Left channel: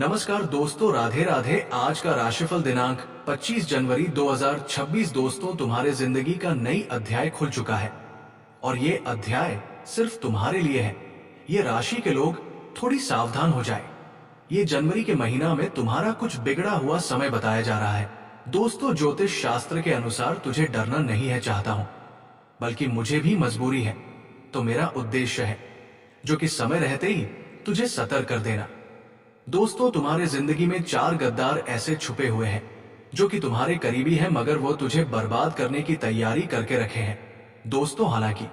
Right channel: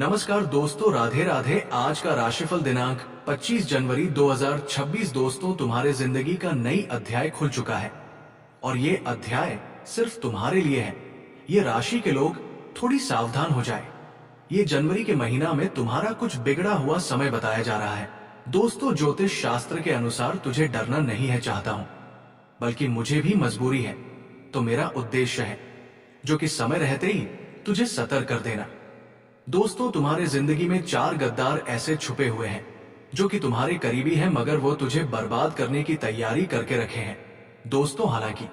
नमस्कार दोस्तों, राधे राधे। आज का राशिफल दिनांक 25 जनवरी 2026। दोस्तों, तुम्हारे जिंदगी का नई अध्याय खुल चुका है और ये अध्याय सिर्फ तुम्हारे लिए है। ये राशि के लोग थोड़ी सावधान हो जाए। ये जनवरी के महीना में तुम्हारा कुछ बिगड़ा हुआ समय बताया जा रहा है। दोस्तों, ज्योतिष शास्त्र के अनुसार तुझे डरना नहीं है चाहता हूं, बल्कि मुझे भी मजबूरी है। तो मेरा उद्देश्य है जो कि समय रहते ही तुझे सतर्क कर देना। दोस्तों, तुम्हारे जिंदगी में 4 गद्दार ऐसे छुपे हुए हैं जो कि तुम्हारे करीबी हैं, मगर वो तुझे बर्बाद करने की तैयारी करके रखे हैं। दोस्तों, हालांकि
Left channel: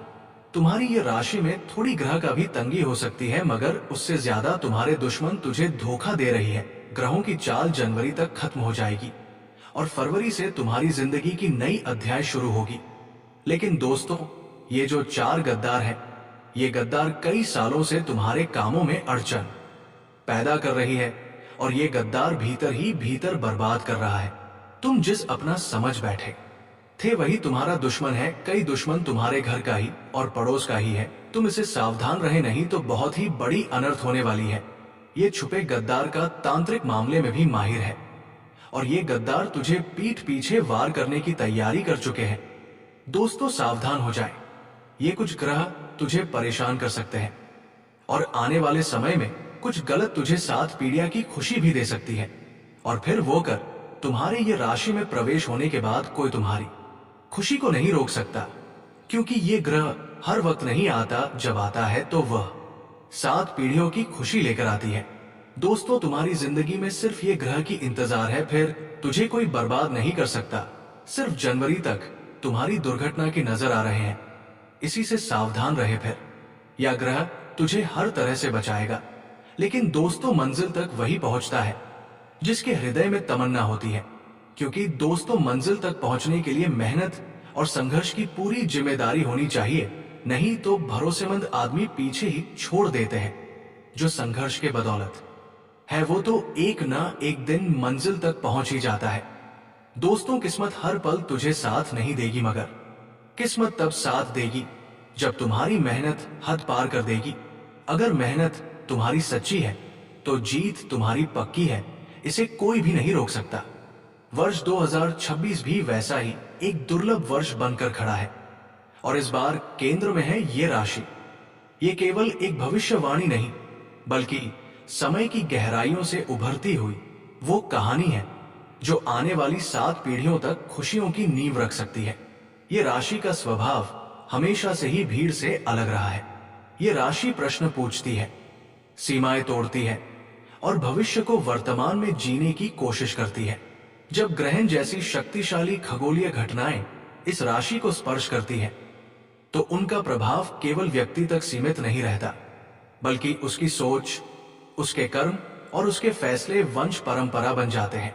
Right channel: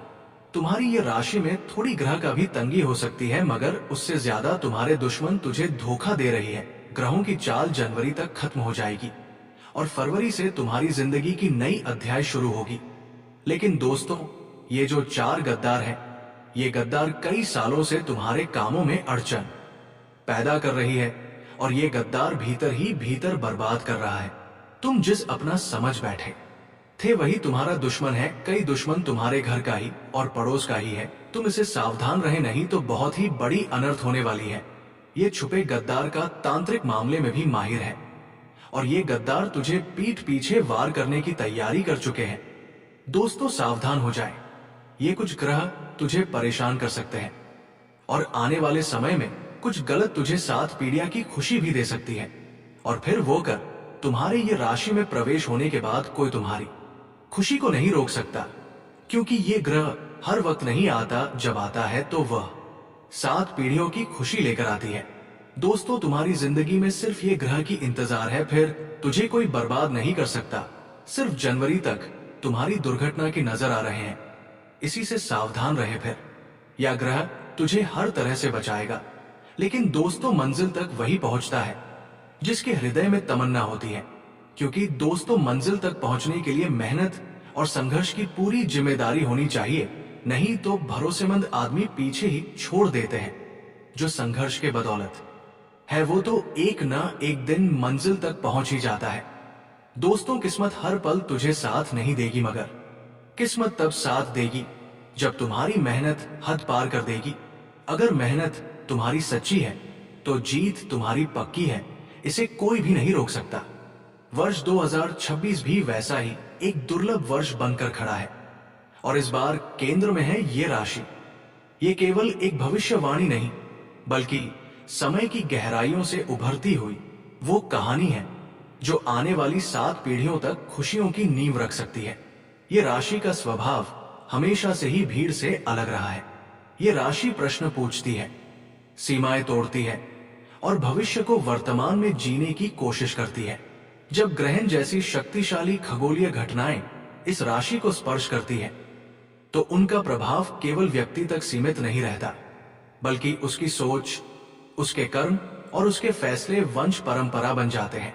तुम्हारी ये राशि में थोड़ी ग्रह का भी तंगी हो सकती है, मगर उससे ज्यादा तुम्हारे दुश्मन तुझे धोखा दे रही है। ग्रहों की चाल जनवरी तक खत्म हो जाएगी और फरवरी से तुम्हारी जिंदगी की नई अध्याय शुरू होगी। लेकिन दोस्तों, ये जो 4 गद्दार हैं, ये गद्दार कई सालों से तुम्हारे कामों में अड़चन पैदा कर रही है और ये गद्दार भीतर ही भीतर बर्बाद कर रहा है। तुम जिस अपना समझ बैठे थे वही तुम्हारा दुश्मन है। कई दुश्मन तुम्हारे घर का ही और पड़ोस का ही है। तुम इसे सावधान रहे, नहीं तो बहुत ही बड़ी अनर्थ होने वाली है। ये छुपे गद्दार का तांत्रिक मामले में भी माहिर है और ये गद्दार तुझे पीठ पीछे वार करने की तैयारी कर चुके हैं। दोस्तों, सावधान हो जाए। ये कुछ ग्रह तुझे परेशान कर सकते हैं और आने वाले समय में कुछ गलत तुझे 7 पीढ़ियां की खुशी भी दे सकती है। और फिर वो कर तुम्हारे ये राशि में प्रवेश होने के बाद कोई तुम्हारी खुशी को नहीं रोक सकता, क्योंकि ये ग्रह हर वक्त नहीं आता। जब आता है तो वह 7 पीढ़ियों की खुशी लेकर आती है। दोस्तों, तुम्हारी जिंदगी में सिर्फ ये ग्रह की इंतजार है, फिर तुझे कोई बर्बाद नहीं कर सकता। सिर्फ जनवरी तक तुम्हारी दुर्घटना की नजर आ रहे हैं, इसी से सावधान रहे। फिर यह ग्रह तुझे हर तरह से बचाएगा। लेकिन दोस्तों, मंजिल तक वही पहुंचता है जिसके हृदय में तमन्ना होती है, क्योंकि दोस्तों, मंजिल तक पहुंचने के लिए मेहनत और संघर्ष की पूरी जिम्मेदारी होनी चाहिए। नहीं तो भरोसेमंद आदमी पीछे ही छोड़ देते हैं। जो संघर्ष के बदौलत है वो तो एक ना एक दिन मंजिल तक पहुंच ही जाता है। दोस्तों, किस्मत हर पल तुझे साथ नहीं देगी, मगर किस्मत तब साथ देगी जब तुम्हारी मेहनत हद पार कर देगी। अगर मेहनत तुम्हारी सच्ची है तो जीत तुम्हारी पक्की है, इसे कोई भी नहीं रोक सकता। वर्ष 2026 भी वैसा ही एक दुर्लभ वर्ष बनकर खड़ा है और इस बार केंद्र में है ये राशि। ये केवल एक भविष्यवाणी नहीं, बल्कि समय की गहराइयों से उभरती हुई वो कहानी है जो आने वाली 7 पीढ़ियों तक खुशियों की नींव रख सकती है। ये राशि का स्वभाव हमेशा से ही भीड़ से अलग रहा है। ये राशि प्रश्न पूछती है, सीमाएं तोड़ती है और भविष्य को वर्तमान में जीने की कोशिश करती है। जब ग्रहण जैसी शक्तिशाली खगोलीय घटनाएं इस राशि को स्पर्श करती है तो उनका प्रभाव केवल व्यक्ति तक सीमित नहीं रहता, बल्कि उसकी सोच, उसके कर्म और उसके फैसले वंश परंपरा बन जाते हैं।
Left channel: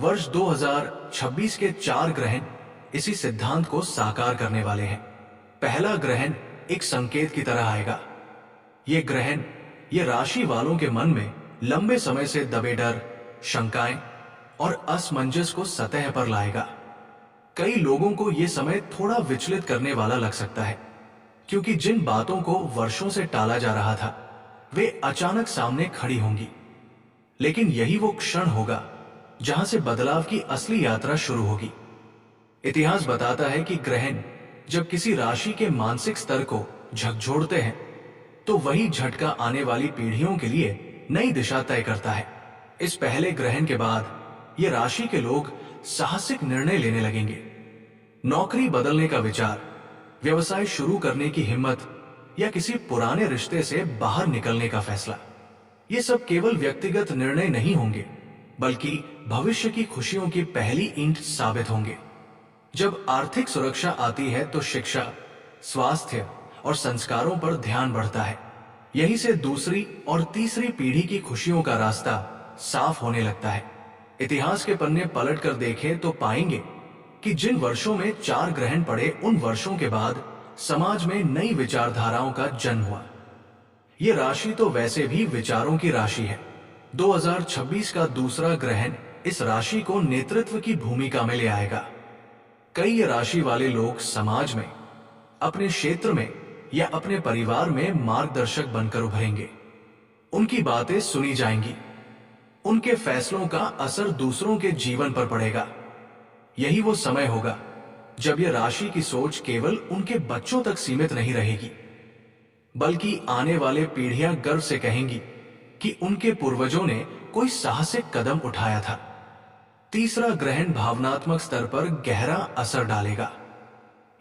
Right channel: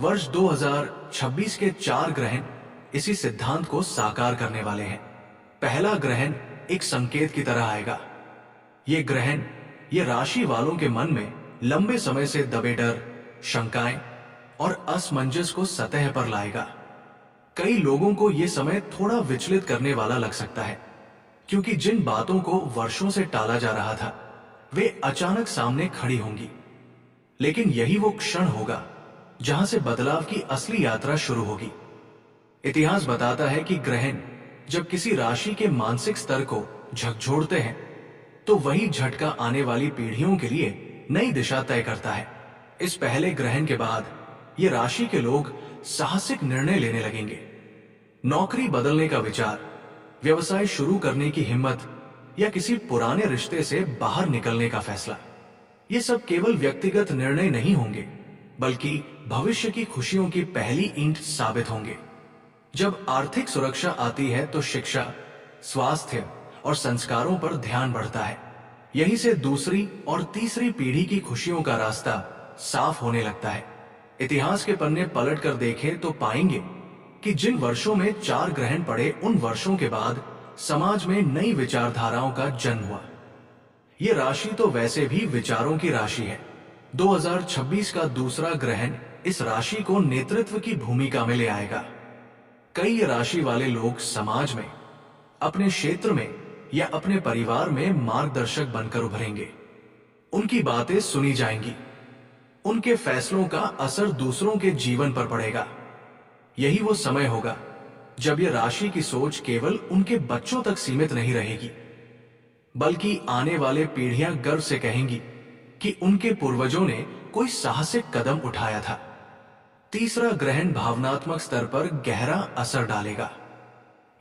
वर्ष 2026 के 4 ग्रहण इसी सिद्धांत को साकार करने वाले हैं। पहला ग्रहण एक संकेत की तरह आएगा। ये ग्रहण ये राशि वालों के मन में लंबे समय से दबे डर, शंकाएं और असमंजस को सतह पर लाएगा। कई लोगों को यह समय थोड़ा विचलित करने वाला लग सकता है, क्योंकि जिन बातों को वर्षों से टाला जा रहा था वे अचानक सामने खड़ी होंगी। लेकिन यही वो क्षण होगा जहां से बदलाव की असली यात्रा शुरू होगी। इतिहास बताता है कि ग्रहण जब किसी राशि के मानसिक स्तर को झकझोरते हैं तो वही झटका आने वाली पीढ़ियों के लिए नई दिशा तय करता है। इस पहले ग्रहण के बाद ये राशि के लोग साहसिक निर्णय लेने लगेंगे। नौकरी बदलने का विचार, व्यवसाय शुरू करने की हिम्मत या किसी पुराने रिश्ते से बाहर निकलने का फैसला, ये सब केवल व्यक्तिगत निर्णय नहीं होंगे, बल्कि भविष्य की खुशियों की पहली ईंट साबित होंगे। जब आर्थिक सुरक्षा आती है तो शिक्षा, स्वास्थ्य और संस्कारों पर ध्यान बढ़ता है। यहीं से दूसरी और तीसरी पीढ़ी की खुशियों का रास्ता साफ होने लगता है। इतिहास के पन्ने पलट कर देखें तो पाएंगे कि जिन वर्षों में 4 ग्रहण पड़े, उन वर्षों के बाद समाज में नई विचारधाराओं का जन्म हुआ। यह राशि तो वैसे भी विचारों की राशि है। 2026 का दूसरा ग्रहण इस राशि को नेतृत्व की भूमिका में ले आएगा। कई राशि वाले लोग समाज में, अपने क्षेत्र में या अपने परिवार में मार्गदर्शक बनकर उभरेंगे। उनकी बातें सुनी जाएंगी, उनके फैसलों का असर दूसरों के जीवन पर पड़ेगा। यही वो समय होगा जब ये राशि की सोच केवल उनके बच्चों तक सीमित नहीं रहेगी, बल्कि आने वाले पीढ़ियां गर्व से कहेंगी कि उनके पूर्वजों ने कोई साहसिक कदम उठाया था। तीसरा ग्रहण भावनात्मक स्तर पर गहरा असर डालेगा।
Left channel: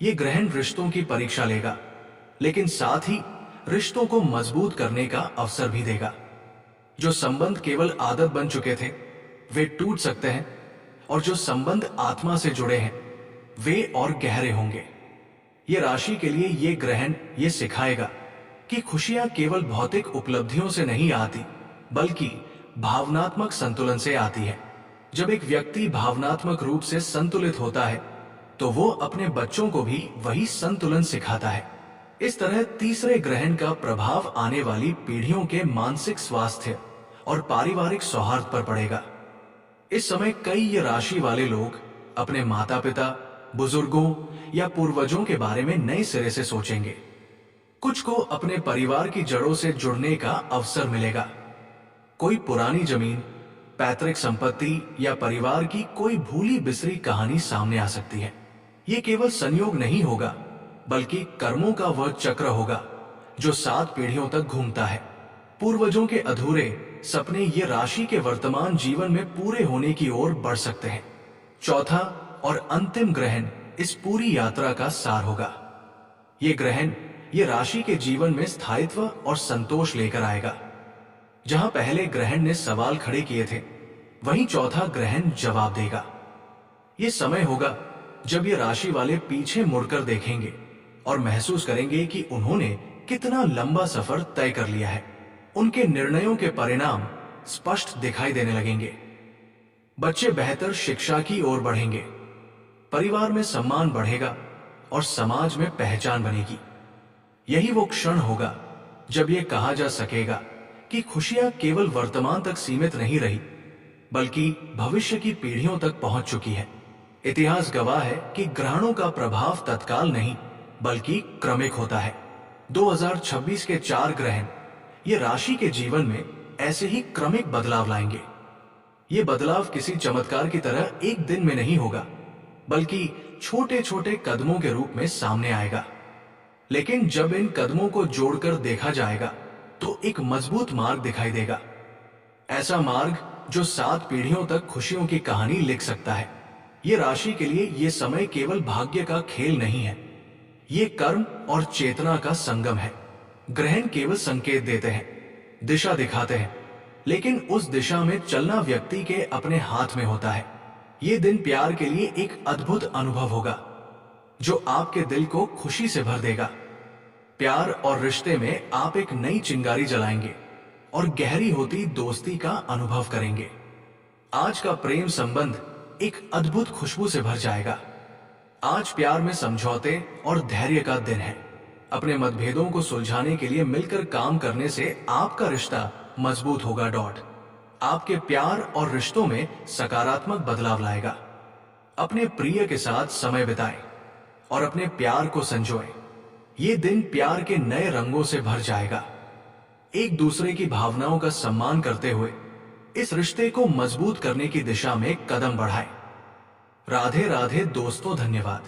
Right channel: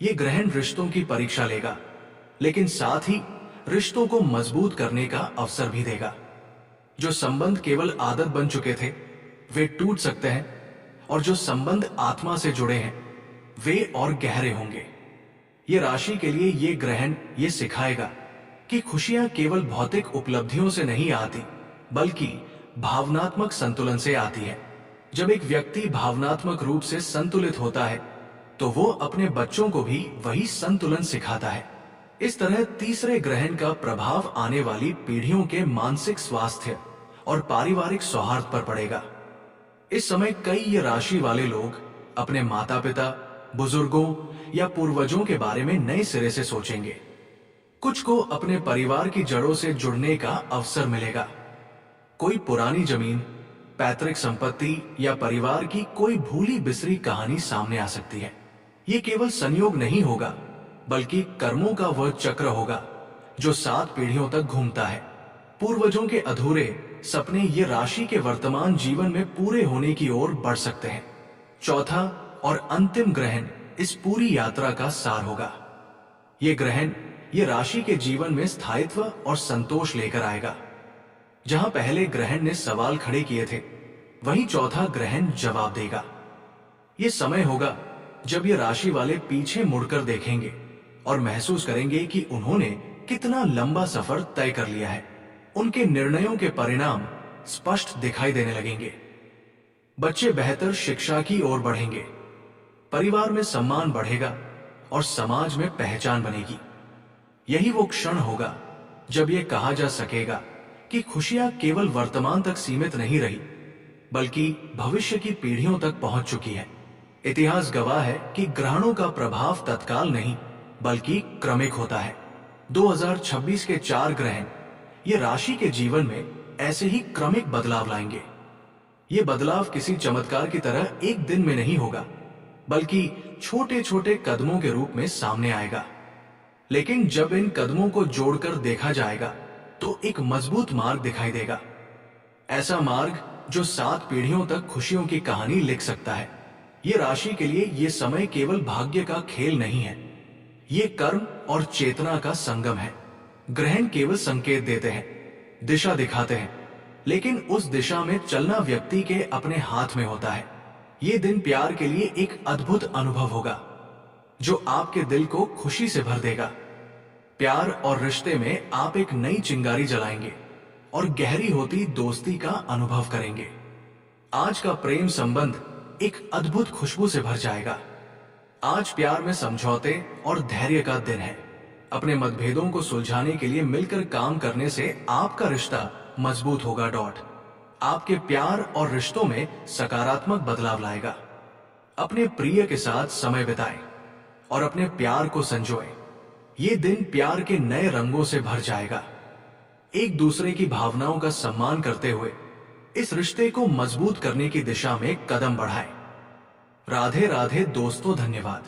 यह ग्रहण रिश्तों की परीक्षा लेगा, लेकिन साथ ही रिश्तों को मजबूत करने का अवसर भी देगा। जो संबंध केवल आदत बन चुके थे वे टूट सकते हैं, और जो संबंध आत्मा से जुड़े हैं वे और गहरे होंगे। ये राशि के लिए ये ग्रहण ये सिखाएगा कि खुशियां केवल भौतिक उपलब्धियों से नहीं आती, बल्कि भावनात्मक संतुलन से आती है। जब एक व्यक्ति भावनात्मक रूप से संतुलित होता है तो वो अपने बच्चों को भी वही संतुलन सिखाता है। इस तरह तीसरे ग्रहण का प्रभाव आने वाली पीढ़ियों के मानसिक स्वास्थ्य और पारिवारिक सौहार्द पर पड़ेगा। इस समय कई ये राशि वाले लोग अपने माता पिता, बुजुर्गों या पूर्वजों के बारे में नए सिरे से सोचेंगे। कुछ को अपने परिवार की जड़ों से जुड़ने का अवसर मिलेगा। कोई पुरानी जमीन, पैतृक संपत्ति या परिवार की कोई भूली बिसरी कहानी सामने आ सकती है। ये केवल संयोग नहीं होगा, बल्कि कर्मों का वह चक्र होगा जो 7 पीढ़ियों तक घूमता है। पूर्वजों के अधूरे सपने ये राशि के वर्तमान जीवन में पूरे होने की ओर बढ़ सकते हैं। चौथा और अंतिम ग्रहण इस पूरी यात्रा का सार होगा। ये ग्रहण ये राशि के जीवन में स्थायित्व और संतोष लेकर आएगा। जहां पहले ग्रहण ने सवाल खड़े किए थे, वहीं चौथा ग्रहण जवाब देगा। ये समय होगा जब ये राशि वाले पीछे मुड़कर देखेंगे और महसूस करेंगे कि उन्होंने कितना लंबा सफर तय कर लिया है। उनके निर्णयों के परिणाम स्पष्ट दिखाई देने लगेंगे। बच्चे बेहतर शिक्षा की ओर बढ़ेंगे, परिवार में सम्मान बढ़ेगा और समाज में पहचान बनेगी। यही वो क्षण होगा जब यह कहा जा सकेगा कि खुशियां केवल वर्तमान तक सीमित नहीं रही, बल्कि भविष्य की पीढ़ियों तक पहुंच चुकी है। इतिहास गवाह है कि ग्रहणों का प्रभाव तत्काल नहीं, बल्कि क्रमिक होता है। 2026 के 4 ग्रहण ये राशि के जीवन में ऐसे ही क्रमिक बदलाव लाएंगे। ये बदलाव किसी चमत्कार की तरह एक दिन में नहीं होगा, बल्कि छोटे छोटे कदमों के रूप में सामने आएगा। लेकिन जब इन कदमों को जोड़कर देखा जाएगा तो एक मजबूत मार्ग दिखाई देगा। ऐसा मार्ग जो 7 पीढ़ियों तक खुशियों की कहानी लिख सकता है। ये राशि के लिए ये समय केवल भाग्य का खेल नहीं है, ये कर्म और चेतना का संगम है। ग्रहण केवल संकेत देते हैं, दिशा दिखाते हैं, लेकिन उस दिशा में चलना व्यक्ति के अपने हाथ में होता है। ये दिन प्यार के लिए एक अद्भुत अनुभव होगा जो आपके दिल को खुशी से भर देगा। प्यार और रिश्ते में आप एक नई चिंगारी जलाएंगे और गहरी होती दोस्ती का अनुभव करेंगे। आज का प्रेम संबंध एक अद्भुत खुशबू से भर जाएगा। आज प्यार में समझौते और धैर्य का दिन है। अपने मतभेदों को सुलझाने के लिए मिलकर काम करने से आपका रिश्ता मजबूत होगा। आपके प्यार और रिश्तों में सकारात्मक बदलाव लाएगा। अपने प्रिय के साथ समय बिताएं और अपने प्यार को संजोएं। ये दिन प्यार के नए रंगों से भर जाएगा। एक दूसरे की भावनाओं का सम्मान करते हुए इस रिश्ते को मजबूत करने की दिशा में कदम बढ़ाएं। राधे राधे दोस्तों, धन्यवाद।